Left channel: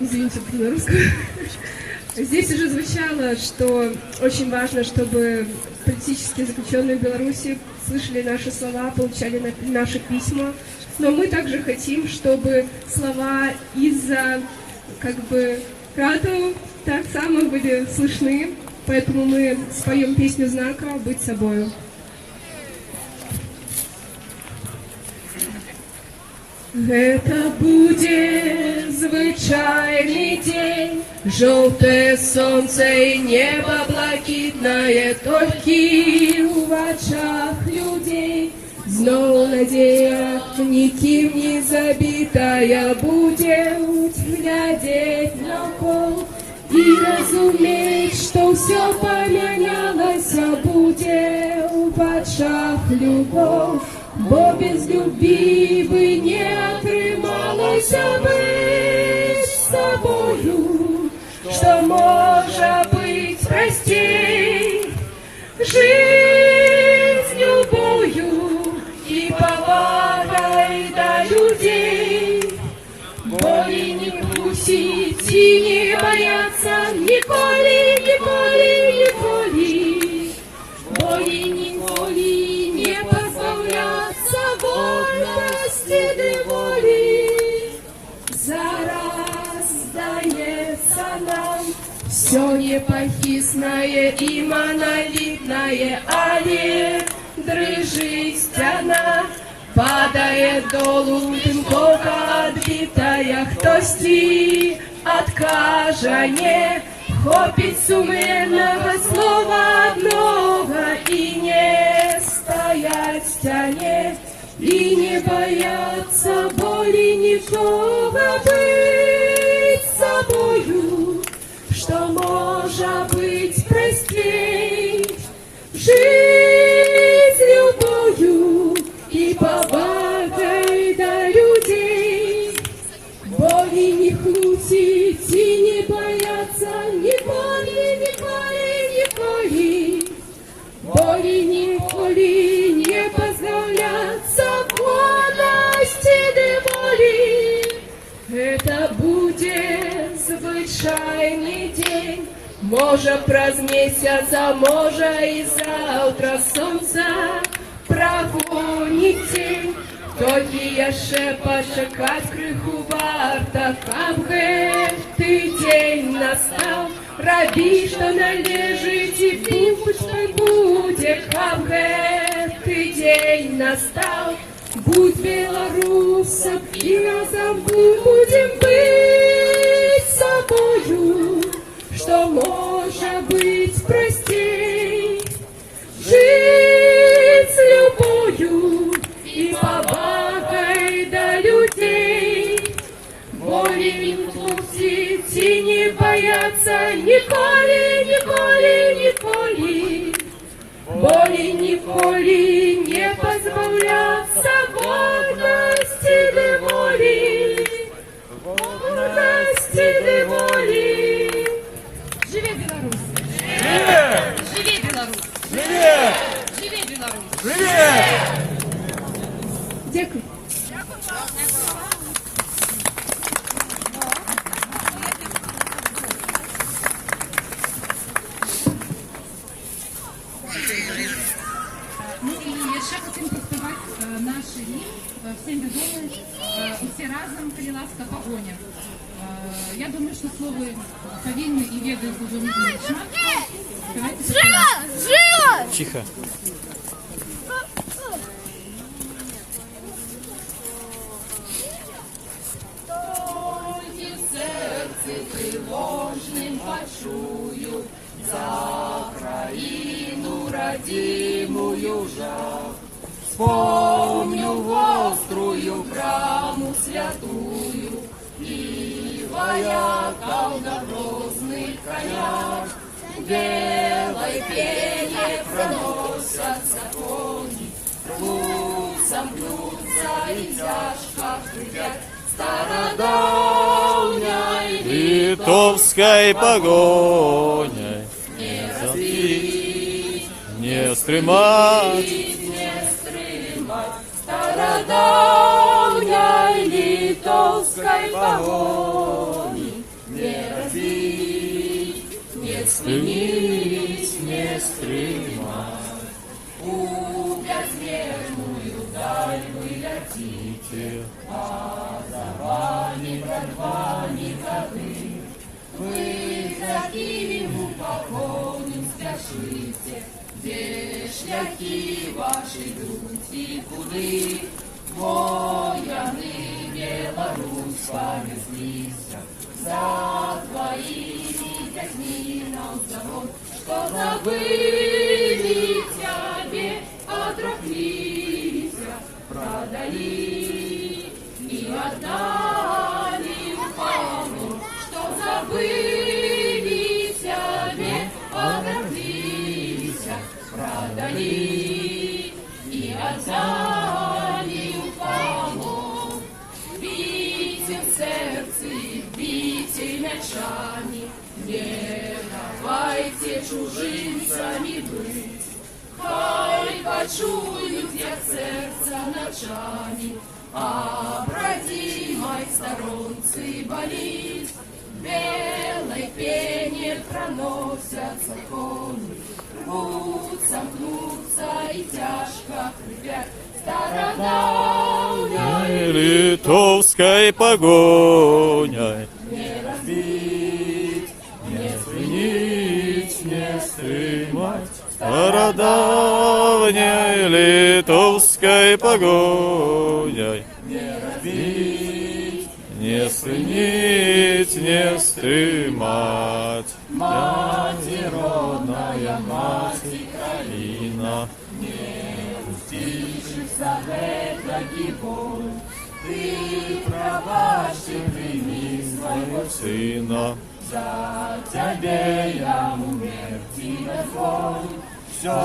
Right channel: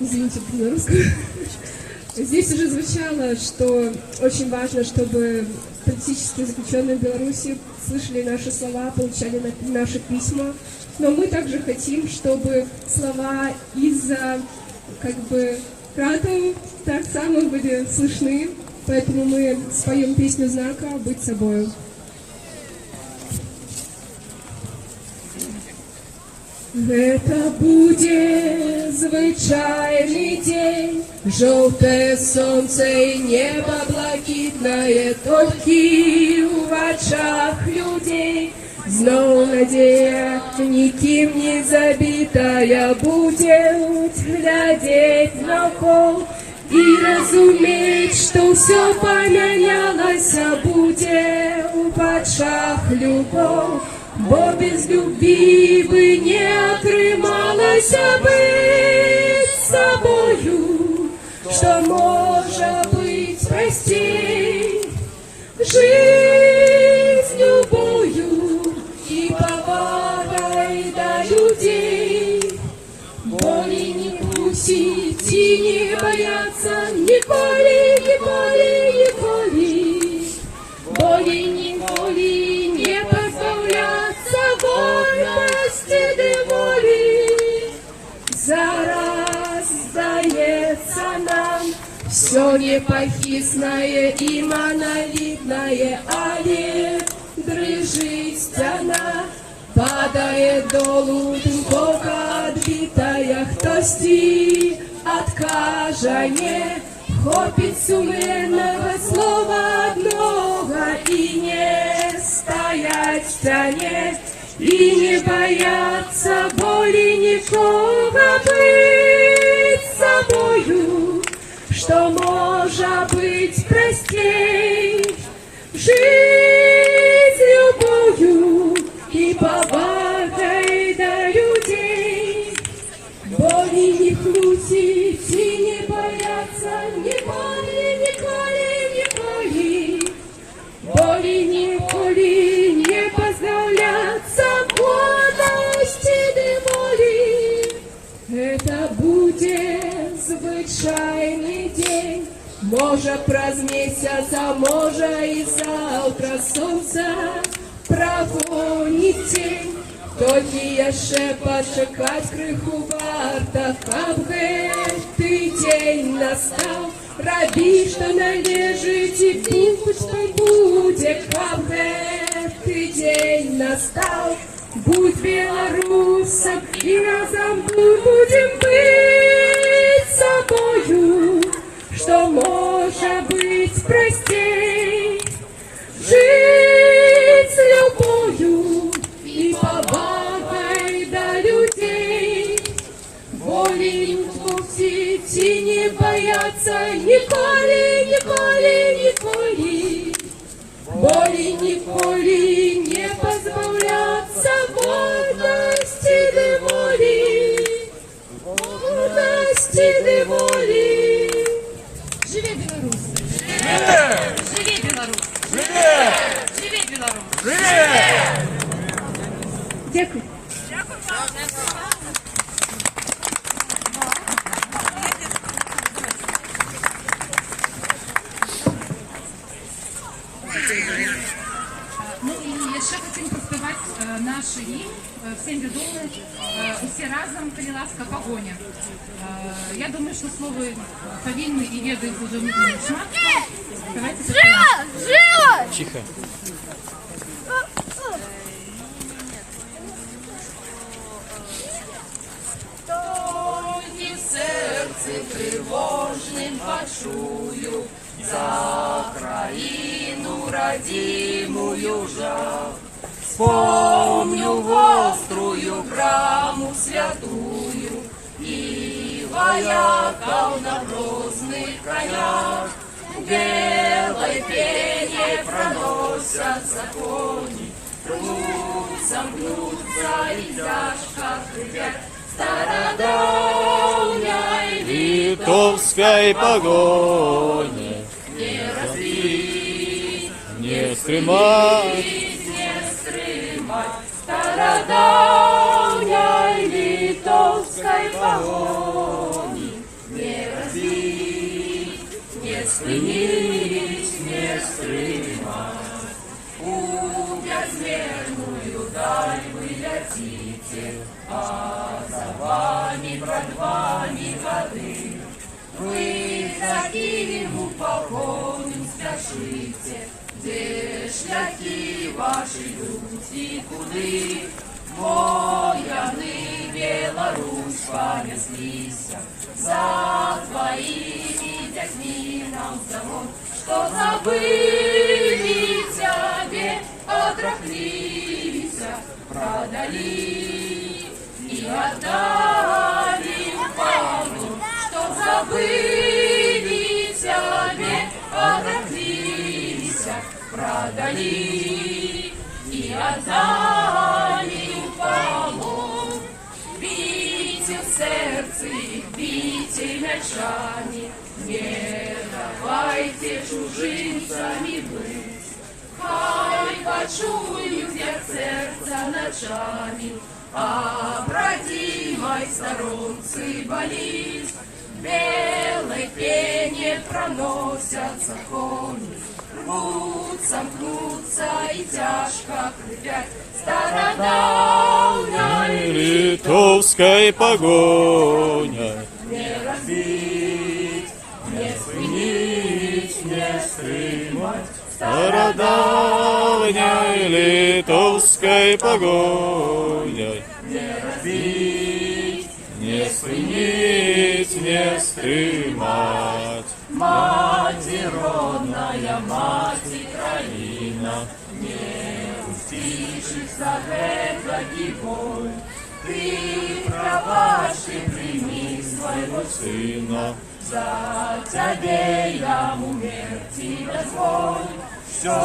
Извините, на русском. Здесь уже звучало, что очень важно, чтобы политические заключенные в Беларуси слышали наши слова, получали наши письма. Но мы также хотим, чтобы слова из-за Ратов так само были слышны. Поэтому мы споем песню знака «Быть собою». Это будет звычайный день, желтое солнце и небо блакитное, только в очах людей. Зноў надея, нікім не забитая, будет глядеть навкол и разуметь, что все поменялось, будет в очах любовь. Бо без любви бы не отрымалась быть собою, что может быть простей. Жизнь любою и повагой до людей, боли не пустить и не бояться николи, николи, николи, боли николи не позбавляться вольности да воли. Зараз сдается нам все непохисное и монолитное, але дрыжит стена, падает долу тынковка отбитая, хтосьці откажа не хопить сумленного слова одного и не стоять в стене и не бояться боли ничего, быть собою, что может быть простей. Жизнь любою и повагой до людей, боли не крутить и не бояться николи, николи, николи, боли николи не поздравляться вольности да воли. Это будет звычайный день, може праз месяц, а може і завтра сонце прогонить тень. Тільки яшчэ пачакаць крыху варта, каб гэты дзень настаў. Рабі, што належыць, і будь, што будзе, каб гэты дзень настаў. Будь беларусам, і разам будем быть собою, что может быть простей. Жить с любовью и повагой до людей, боли не пустить и не бояться николи, николи, николи, боли николи не позбавляться вольности да воли, вольности да воли. Живе Беларусь! Живе! Живе Беларусь! Живе! Живе Беларусь! Живе! Дякую. Ну і ще хотім проспівати наш гімн, всім відомий, усі разом, коли ласка, погоня. Я думаю, що слово повинні і ведають уже шмат. Давайте поспіваємо. Тихо. Тільки в серці тривожним почую за країну родимую жах. Вспомню острую браму святую и вояков на грозных конях. Белой пене проносятся кони, гнутся, гнутся и тяжко хрипят стародавней Литовской погони не разбить, не стремать. не стримать стародавней литовской погони. ни братва, ни годы. Вы за Киев у погоню спяшите, де шляхи ваши йдуть і куди? Вояни Беларусь понеслися, за твоими дядьми нам завод, что забыли тебе, отроклися, продали и отдали в полон, что забыли тебе, отроклися, продали и отдали в полон. Бейте в сердце, бейте мячами, не давайте чужинцами быть. Хай почуют, як сердце ночами, а бродимой сторонцы болит. Белой пене проносятся кони, рвутся, мнутся и тяжко хрипят стародавней Литовской погоней. не разбить, не Нить не стремать стародавней литовской погоней. не разбить. Не стремить, не стремать. Мать родная, мать Країна, пустившихся это гибель, ты праваши прими своего сина, за тебе я умерти дозволь. Все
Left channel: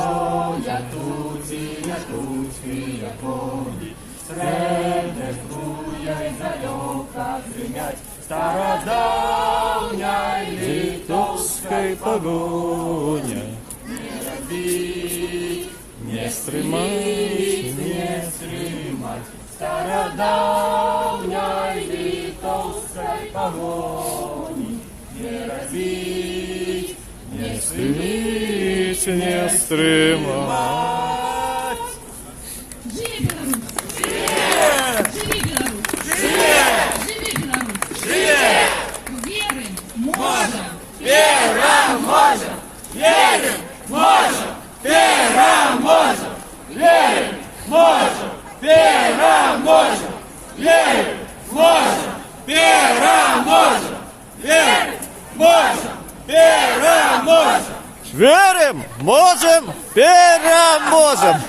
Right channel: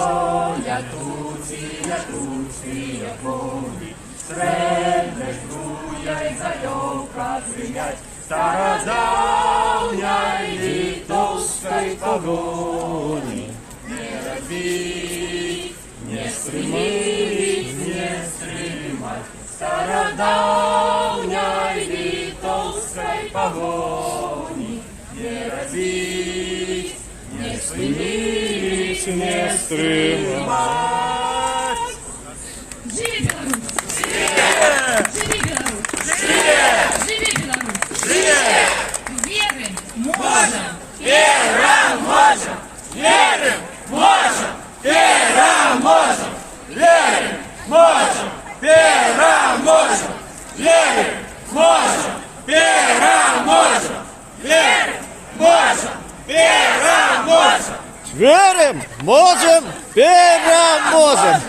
я тут, и я помню, сребру я и залёка принять стародавней литовской погоней. не разбить, Не стремать, не стремать стародавней литовской погони, не разбить, не стремить, не стремать. Живи Беларусь! Живи Беларусь! Живи Беларусь! Верим, можем! Верим, можем, переможем!